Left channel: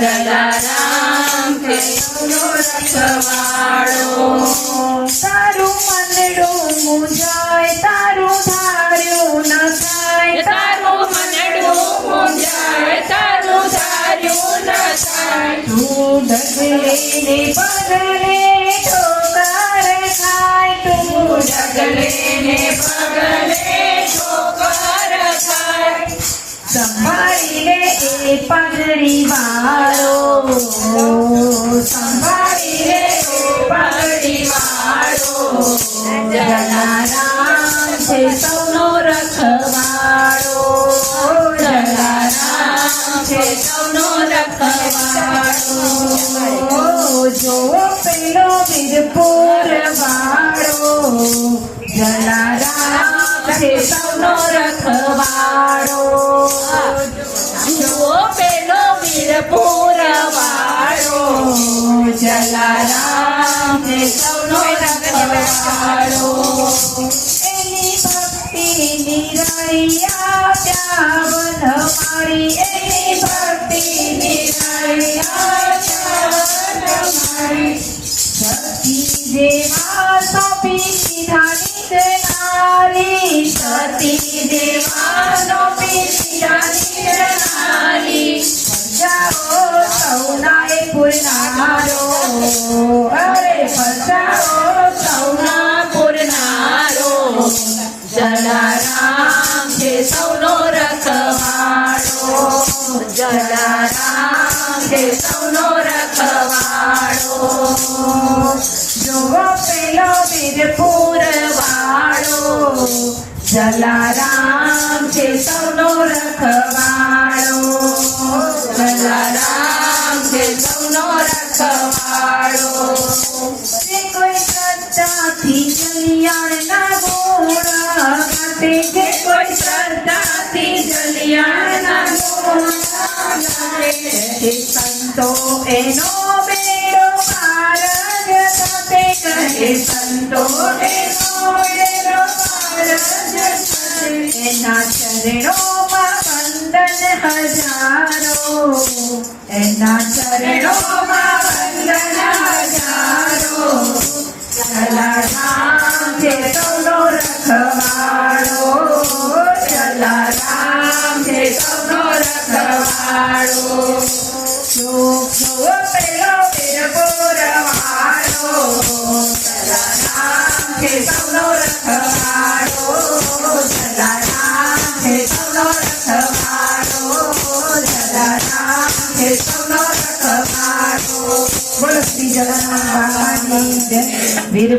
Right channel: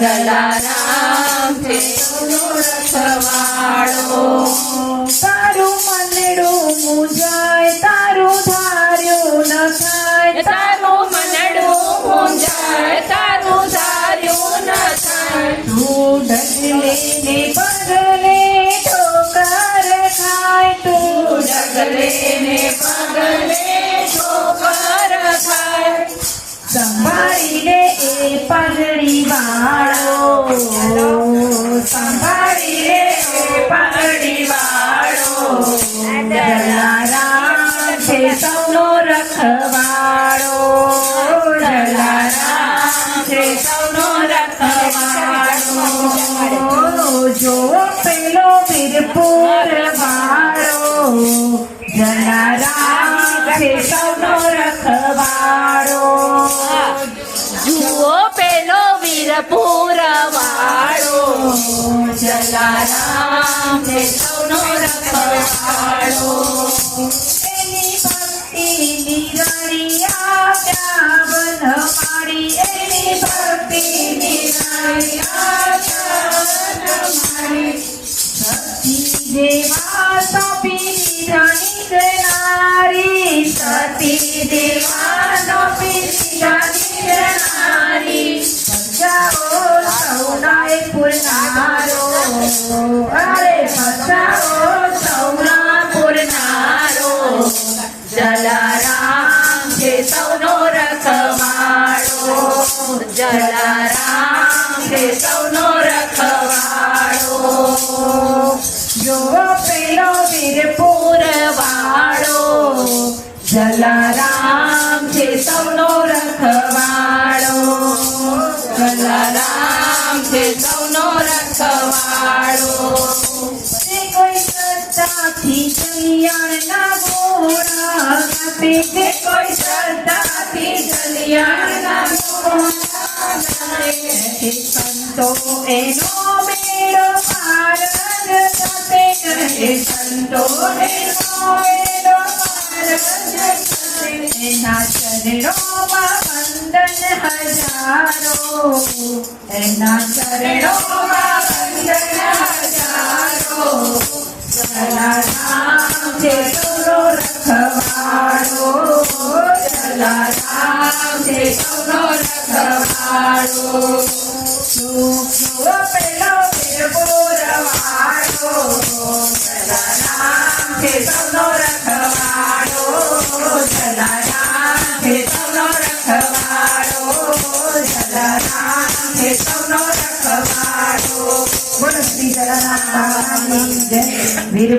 જલારામ છે સૌનો રખવાળો. તારું મનડું મૂંઝાય, તારું ધાર્યું ન થાય, તારું મનડું મૂંઝાય, તારું ધાર્યું ન થાય. તું ડગલે ને પગલે ઠોકર ખાય, તું ડગલે ને પગલે ઠોકર ખાય. સંભાળીને એ પગડી વાળો, સંભાળીને એ પગડી વાળો. જલારામ છે સૌનો રખવાળો, જલારામ છે સૌનો રખવાળો. જો પેલો વીરપુર વાળો, જલારામ છે સૌનો રખવાળો. જુઓ પેલો વીરપુર વાળો, જલારામ છે સૌનો રખવાળો. એની ભક્તિ નિરાળી આપ્યા વનમાળી, એની ભક્તિ નિરાળી આપ્યા વનમાળી. સતી દેવા સોંપી દીધા નીકળનારી, સતી દેવા સોંપી દીધા નીકળનારી. ફસાઓ સૌનાએ પુરનારો, અરે ફસાઓ સૌના પુરનારો. જલારામ છે સૌનો રખવાળો, જલારામ છે સૌનો રખવાળો. જુઓ પેલો વીરપુર વાળો, જલારામ છે સૌનો રખવાળો, જલારામ છે સૌનો રખવાળો. તે કોઈ શ્રદ્ધાથી જલિયાણના ગોળા કાઢે, તે કોઈ શ્રદ્ધાથી જલિયાણના ગોળા કાઢે. તે સંતો એનો બેડો પાર જ થશે, કહે સંતો એનો બેડો પાર જ થશે. એના ચરણોમાં વંદન હજારો, એના ચરણોમાં વંદન હજારો. જલારામ છે સૌનો રખવાળો, જલારામ છે સૌનો રખવાળો. જો પેલો વીરપુર વાળો, જલારામ છે સૌનો રખવાળો, જલારામ છે સૌનો રખવાળો, જલારામ છે સૌનો રખવાળો. બોલો શ્રી જલારામ બાબાની જય. વીર